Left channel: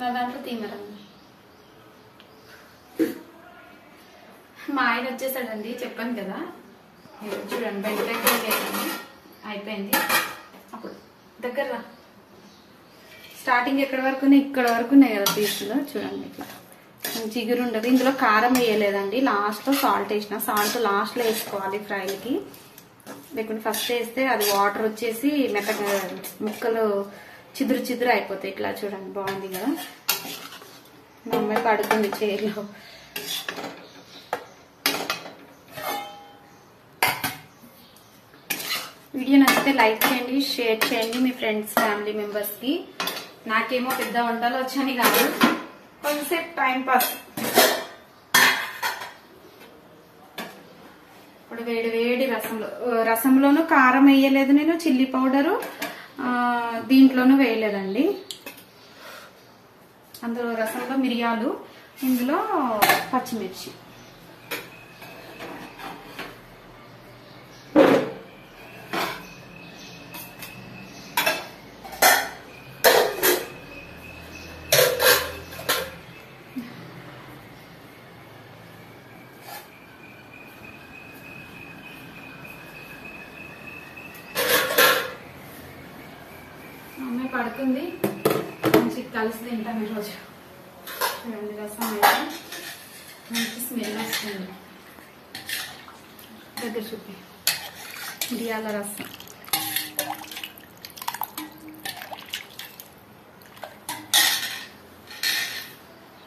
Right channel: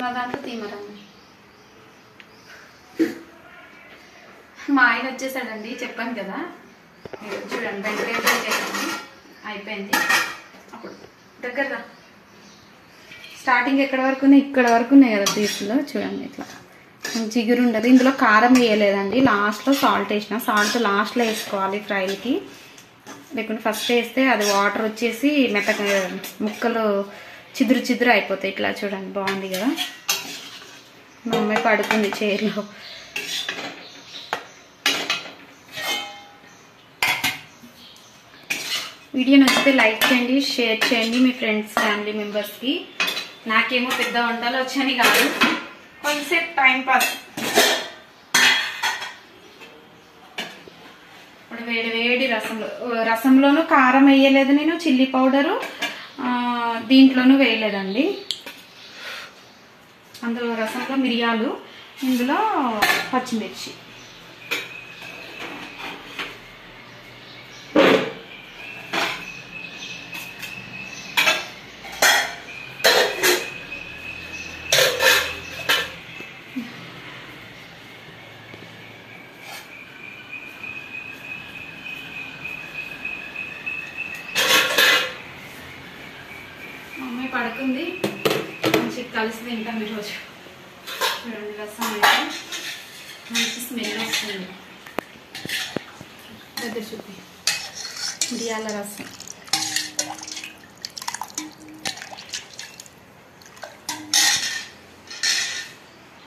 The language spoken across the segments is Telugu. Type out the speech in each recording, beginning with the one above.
నా దాంట్లో తీమరండి. మా ఆయన వచ్చేసాడండి, చెప్పాను కదా. మీరు చూడండి, బెండకాయ ఫ్రై చేసాను, అయిపోయింది. అప్పుడు దగ్గరగా స్టార్టింగ్ ఎక్కడ వరకు ఉన్నాయి, ఇక్కడ వరకు ఉన్నాయి కదా పీసులు. చూడండి ఇట్లా జిగురు ఉండదు. ఇందులో కారం వేయలేదండి, లాస్ట్లో సాల్ట్ వేసిన. సాల్ట్ లాస్ట్లో వేసుకోవాలి ఫ్రైకి, లేకుంటే ఫస్ట్ వేస్తే అది వాటర్ వచ్చేసి మెత్తగా ముక్కలు చిదురు చిదురు అయిపోతాయి. ఇట్లా చూడండి, బాగుంది కదా. మా అమ్మాయి పడుకుంది చైర్లో. వీడియో నచ్చితే లైక్ చేయండి, షేర్ చేయండి మీ ఫ్రెండ్స్, ఫ్యామిలీ మెంబర్స్కి. నాకేమో పెద్ద వంటలు వచ్చని కాదు, కొంచెంసేపు టైం పాస్. ఇప్పుడు వేడి వేడి రసంలోనూ కారం వేయలేదు నేను, చిల్లీ పౌడరు దీంట్లోనూ వేయలేదండి. అందులో రసంలో మిరియాలు, ఇందులో పచ్చిమిర్చి. మమ్మీ పడుకుంది, మంచి కలిసి తింటాం ఈరోజు. చూడండి, రసం అయితే మంచి స్మెల్ వస్తుంది. దగ్గర చూపి, మిరియాల రసం.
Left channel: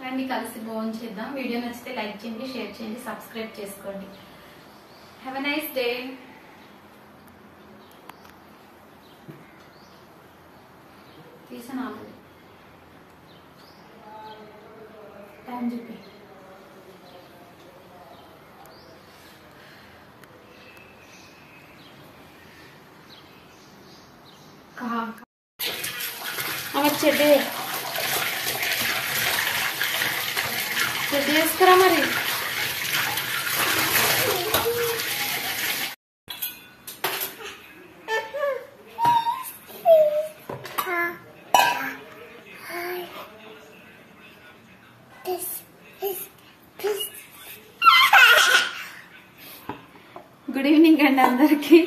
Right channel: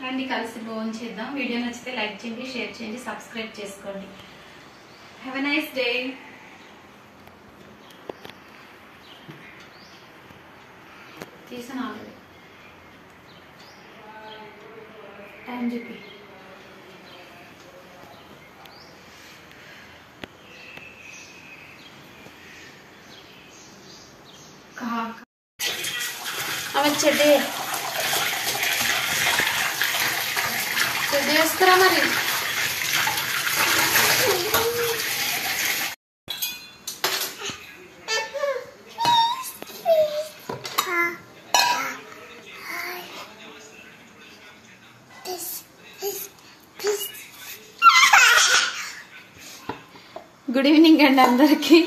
రండి కలిసి భోజనం చేద్దాం. వీడియో నచ్చితే లైక్ చేయండి, షేర్ చేయండి, సబ్స్క్రైబ్ చేసుకోండి. Have a nice day. తీసాను ఆల్రెడీ, టైం చెప్పి. ఆమె చెడ్డి వేసుకురా మరి. గుడ్ ఈవినింగ్ అండి అందరికి.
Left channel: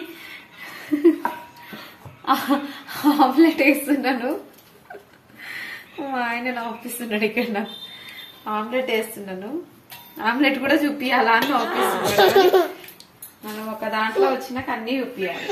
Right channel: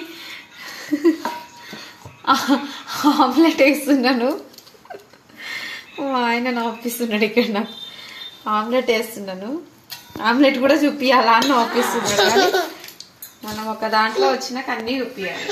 ఆమ్లెట్ వేస్తున్నాను, మా ఆయన నవ్విస్తున్నాడు. ఇక్కడ నాకు ఆమ్లెట్ వేస్తున్నాను. ఆమ్లెట్ కూడా చూపియాలా అని నవ్విస్తున్నాడు. మనం ఒక దాంట్లో వచ్చినాక అన్నీ చూపియాలి.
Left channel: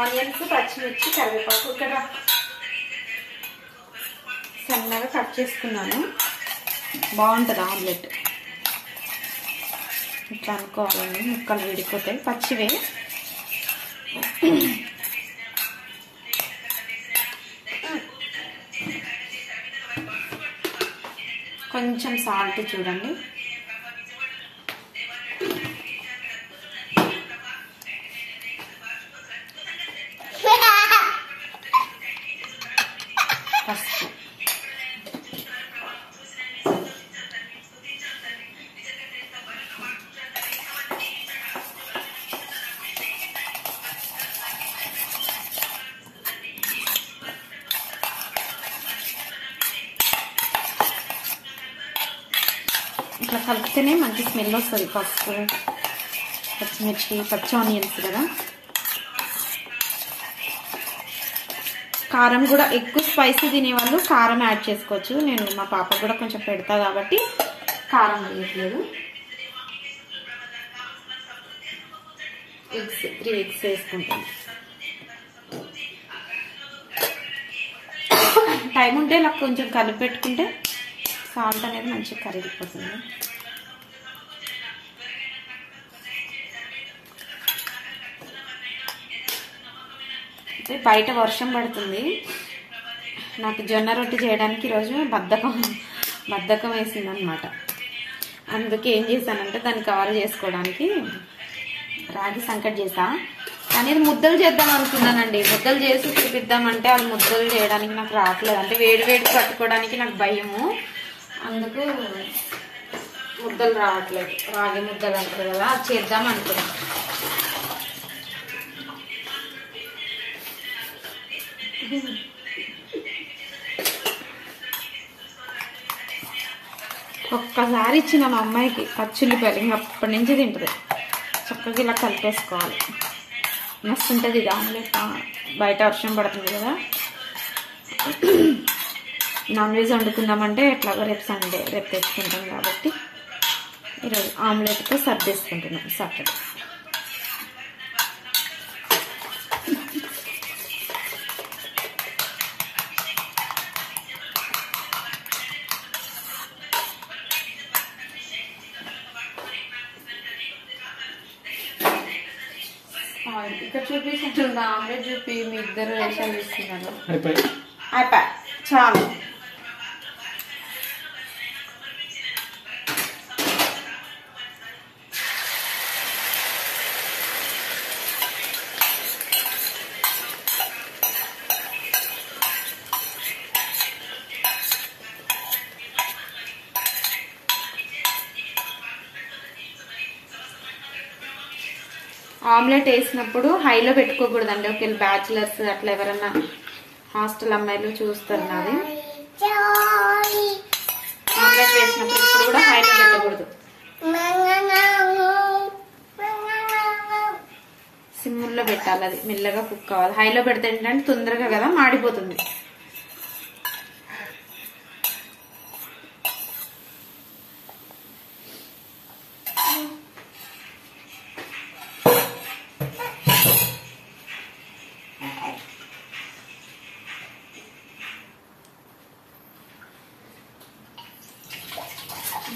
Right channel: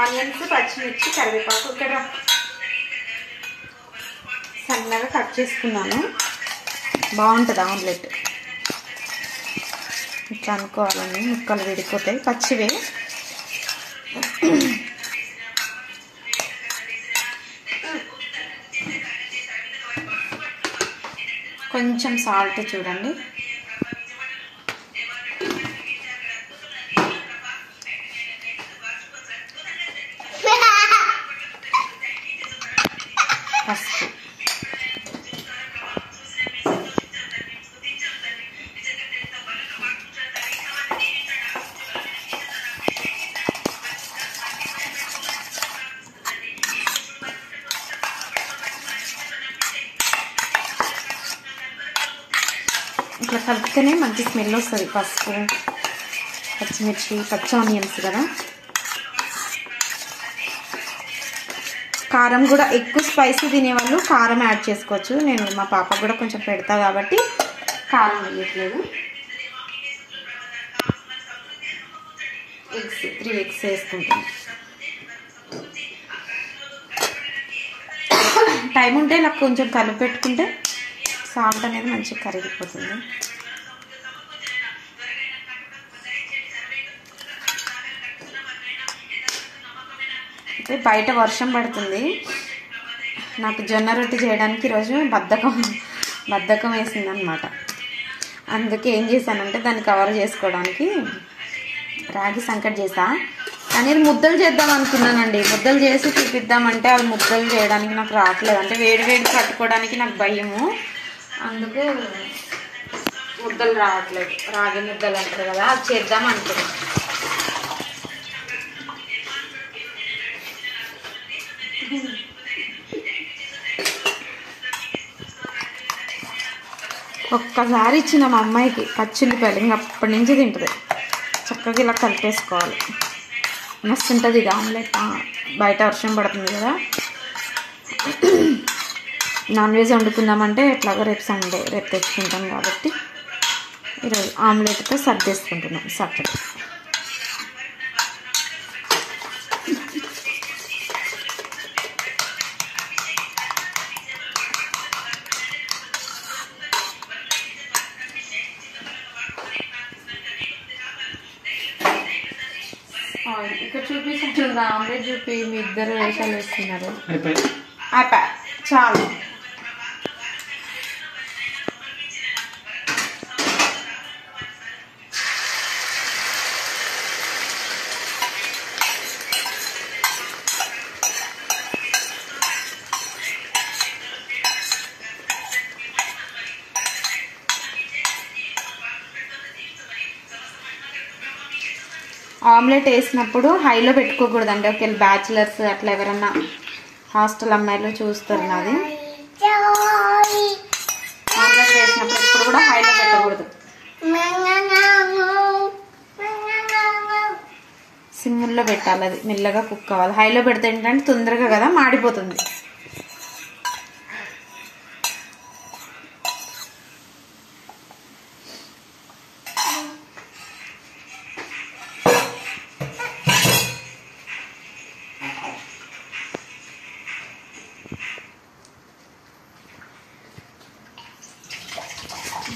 ఆనియన్స్, పచ్చిమిర్చి, కరివేపాకు ఇక్కడ సన్నగా కట్ చేసుకున్నాను. బాగుంటుంది ఆమ్లెట్. ఇట్లా అనుకోవాలని, ముక్కలు విడిపోతాయి పచ్చివే. కొంచెం సాల్ట్ చూడండి. పసుపు, ఇట్లా కలిపితేనే మంచి స్మెల్ వస్తుంది. పసుపు, పచ్చిమిర్చి, పచ్చి ఆనియన్స్ కదా. కారం కూడా ఎక్కువ స్పైసీ తినేవాళ్ళు కారం యాడ్ చేసుకోవచ్చు. నేను మా పాపకు కూడా కొంచెం పెడతా కాబట్టి కారం వేయట్లేదు. ఎగ్స్ 3 ఎగ్స్ వేసుకుంటాను. టైం ఉంటే ఇలా కొంచెం కలిపి పెట్టుకుంటే సాల్ట్ అనేది మంచిగా కరిగిపోతుంది. అయితే బయట వర్షం పడుతుంది. నాకు జొన్న రొట్టె చేయడానికి ఈరోజు బద్ధకం వేసింది అనమాట. అందుకే ఏం చేశానంటే దాన్ని కవర్ చేసుకోవడానికి రాగి సంకటి చేసా, కానీ ఇది ముద్దలు చేద్దాం అనుకున్నానండి. ముద్దలు చేసి చూపిద్దామంటే అది ముద్దలు చేయడానికి నాకు రావట్లేదు. అంటే వేడి వేడి పట్టుకోవడానికి నాకు భయము, అందుకు ముద్దలు రావట్లేదు. రాగి ముద్దలు అంటారు కదా, అది చేద్దాం అనుకున్నాను. ఒక్కసారి ఇచ్చిన మా అమ్మాయికి పచ్చిల్లిపాయలు, ఇంకా అప్పటి నుంచి తింటుంది. చక్కగా ఇలా కలిపేసుకోవాలి, మస్తు ఉంటుంది ఇది ఆమ్లెట్. బయట వర్షం పడుతుంది కదా, నాన్ వెజ్ వండుకుందామంటే ఎట్లాగో రేపు సండే, రేపు తెచ్చుకుంటాం కాబట్టి ఈరోజు ఆమ్లెట్తో సర్దేసుకుంటున్నాం సాటర్డే. ఇక్కడ చూపించండి, ఆమ్లెట్ చూపి మీ ఇద్దరు వేషాలు వేస్తున్నారు. అయిపోయి చాలు. ఆమ్లెట్ వేసినప్పుడు హైలో పెట్టుకోకూడదండి. ఒకవేళ బ్యాచిలర్స్ అట్లా ఎవరన్నా హాస్టల్ అమ్మాయిలు చూస్తారు నాది. ఆమ్లెట్ వేసినప్పుడు ఇప్పుడు కూడా హైలో పెట్టకూడదు, సిమ్లో పెట్టాలి. అది మెల్లగా కుక్ అవ్వాలి. హైలో పెడితే ఏంటంటే తొందరగా కదా మాడిపోతుంది.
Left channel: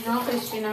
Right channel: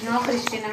No, Cristina.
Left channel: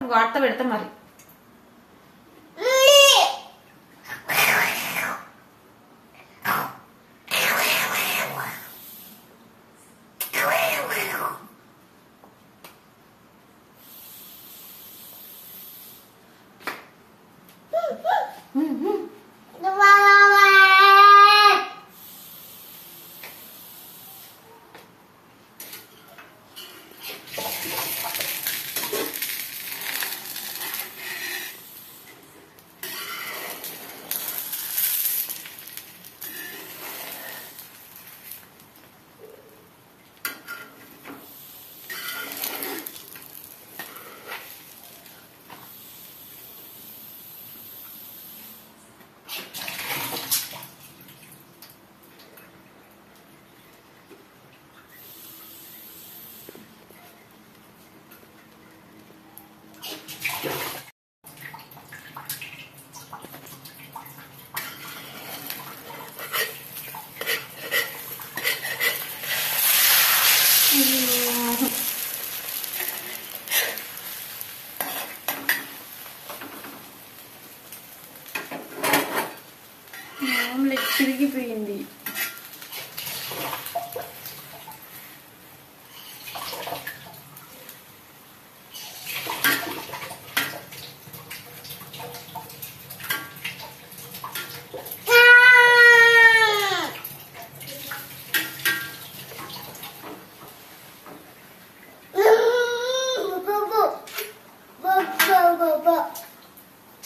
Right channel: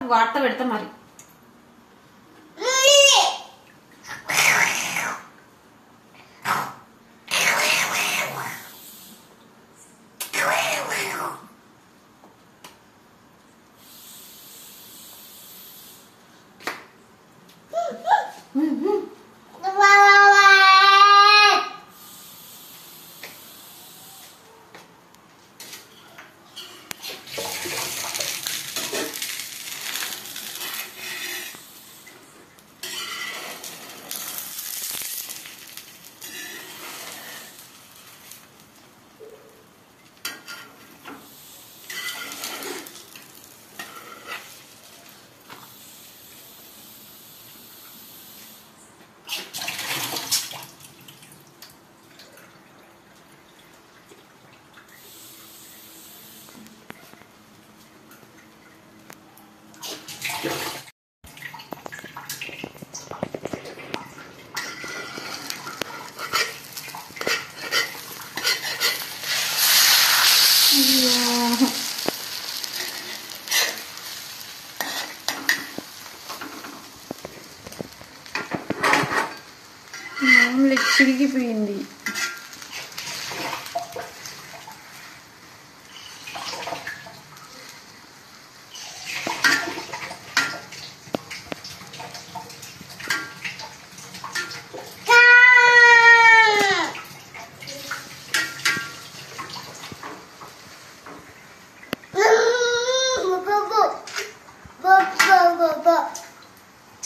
వార్త పెడతా మరి. చిరిగిపోయింది.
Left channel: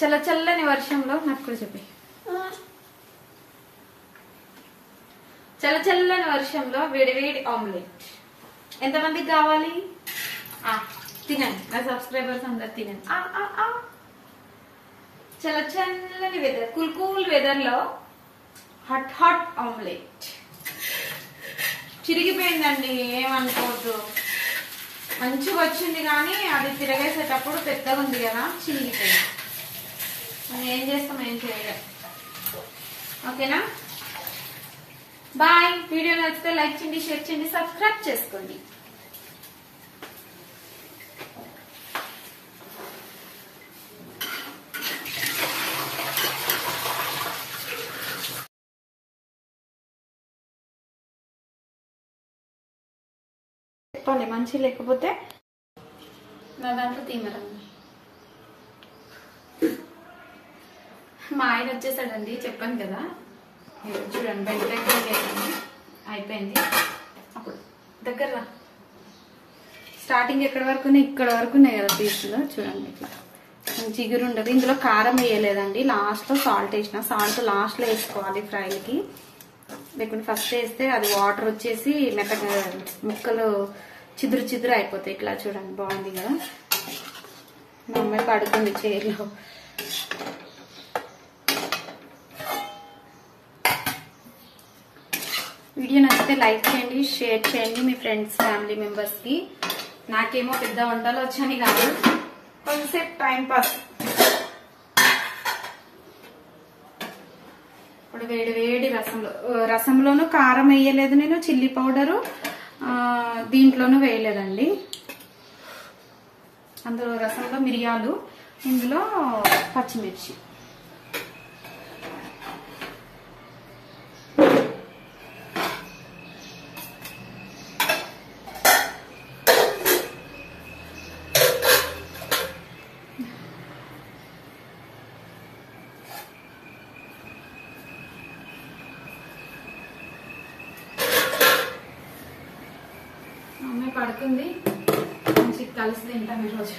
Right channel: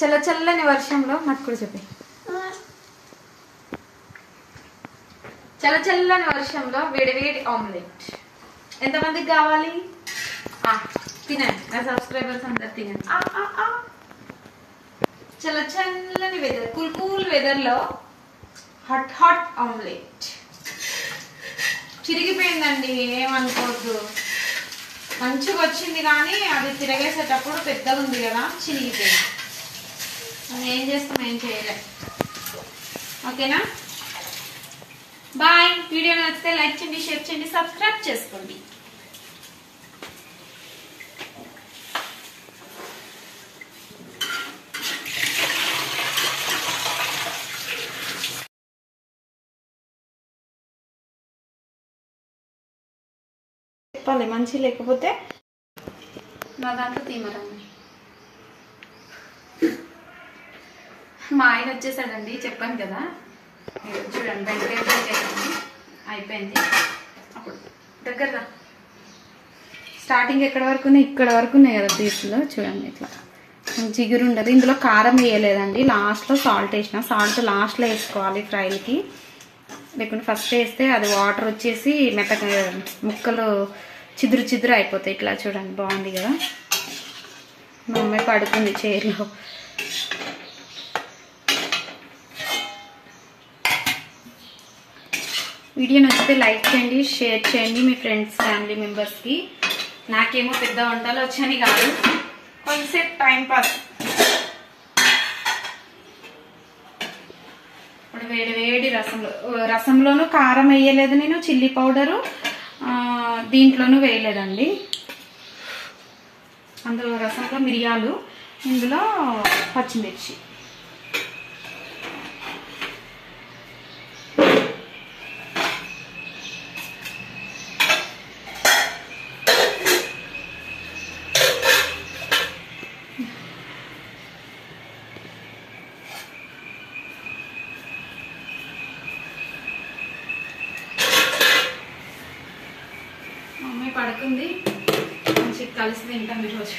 చల్ల చల్లని వర్షంలో నాకు కూడా చెప్పి చల్ల చల్లని వర్షంలో వేడివేడి ఆమ్లెట్ ఎంతమందికి కావాలి? తినండి, నా సబ్స్క్రైబర్స్ అందరు తినండి. చల్ల చల్లని వెదర్, కూల్ కూల్ వెదర్ లో హాట్ హాట్ ఆమ్లెట్. చిరిగిపోయిందండి, ఏమనుకోవద్దు. మంచిగా వచ్చింది కానీ అది తిరగేసేటప్పుడు పెద్దగా ఉంది కదా, చిరిగిపోయింది. మనం ఏం చేస్తాం, ఏం చేయలే. ఓకేనా, బాయ్. వీడియో నచ్చితే లైక్ చేయండి, షేర్ చేయండి, సబ్స్క్రైబ్ చేసుకోండి. చెప్పాలి మంచి లేకపోతే నా దాంట్లో తీమరండి. మా ఆయన వచ్చేసాడండి, చెప్పాను కదా. చూడండి, బెండకాయ ఫ్రై చేసాను, అయిపోయింది. అప్పుడు దగ్గర స్టార్టింగ్ ఎక్కడ వరకు ఉన్నాయి, ఇక్కడ వరకు ఉన్నాయి కదా పీసులో. చూడండి ఇట్లా జిగురు ఉండదు. ఇందులో కారం వేయలేదండి, లాస్ట్లో సాల్ట్ వేసిన. సాల్ట్ లాస్ట్లో వేసుకోవాలి ఫ్రైకి, లేకుంటే ఫస్ట్ వేస్తే అది వాటర్ వచ్చేసి మెత్తగా ముక్కలు చిదురు చిదురు అయిపోతాయి. ఇట్లా చూడండి, బాగుంది కదా. మా అమ్మాయి పడుకుంది చైర్లో. వీడియో నచ్చితే లైక్ చేయండి, షేర్ చేయండి మీ ఫ్రెండ్స్, ఫ్యామిలీ మెంబర్స్కి. నాకేమో పెద్ద వంటలు వచ్చని కాదు, కొంచెంసేపు టైం పాస్. ఇప్పుడు వేడి వేడి రసంలోనూ కారం వేయలేదు నేను, చిల్లీ పౌడరు దీంట్లోనూ వేయలేదండి. అందులో రసంలో మిరియాలు, ఇందులో పచ్చిమిర్చి. మమ్మీ పడుకుంది, మంచి కలిసి తింటాం ఈరోజు.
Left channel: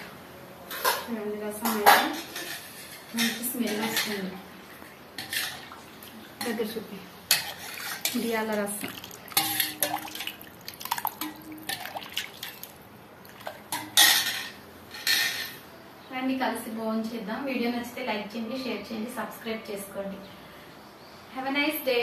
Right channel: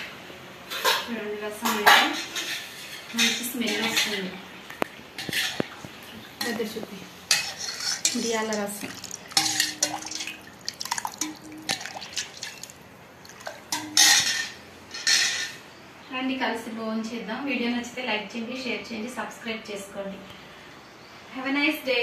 చూడండి, రసం అయితే మంచి స్మెల్ వస్తుంది. దగ్గర చూపి, మిరియాల రసం. రండి కలిసి భోజనం చేద్దాం. వీడియో నచ్చితే లైక్ చేయండి, షేర్ చేయండి, సబ్స్క్రైబ్ చేసుకోండి. Have a nice day.